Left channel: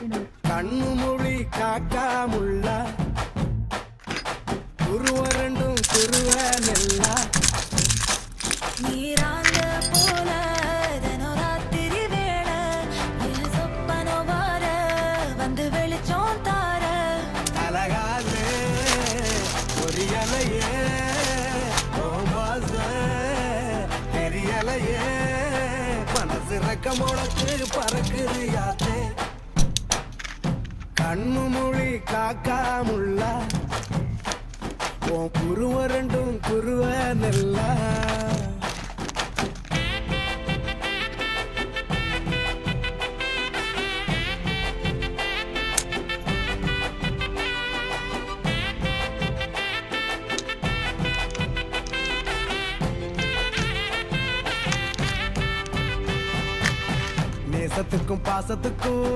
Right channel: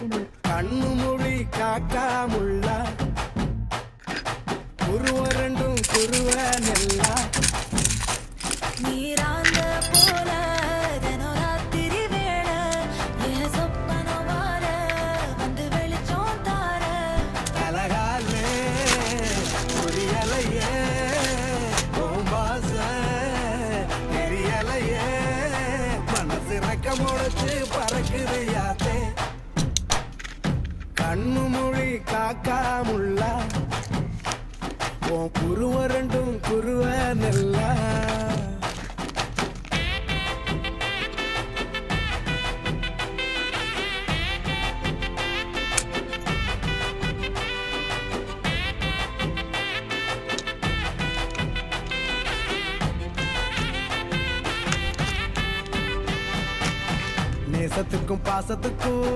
கண்ணு மொழி காக்காமுள்ள குருவ ரெண்டும் குருவ நெல்லா நீராங்க போல தினராத்திரி வேளை என் சொப்பனம் மாற வந்து வெளிச்சம் தார தலகாது கொடியலையே ஓம்பாச பெரியலையே மனசு ரக்கமுழுத்து பறக்குது யாத்தே கண்ணு மொழி காக்காமுள்ள உன் குருவ ரெண்டும் குருவ நெல்லா நேசத்துக்கும் பாசத்துக்கும்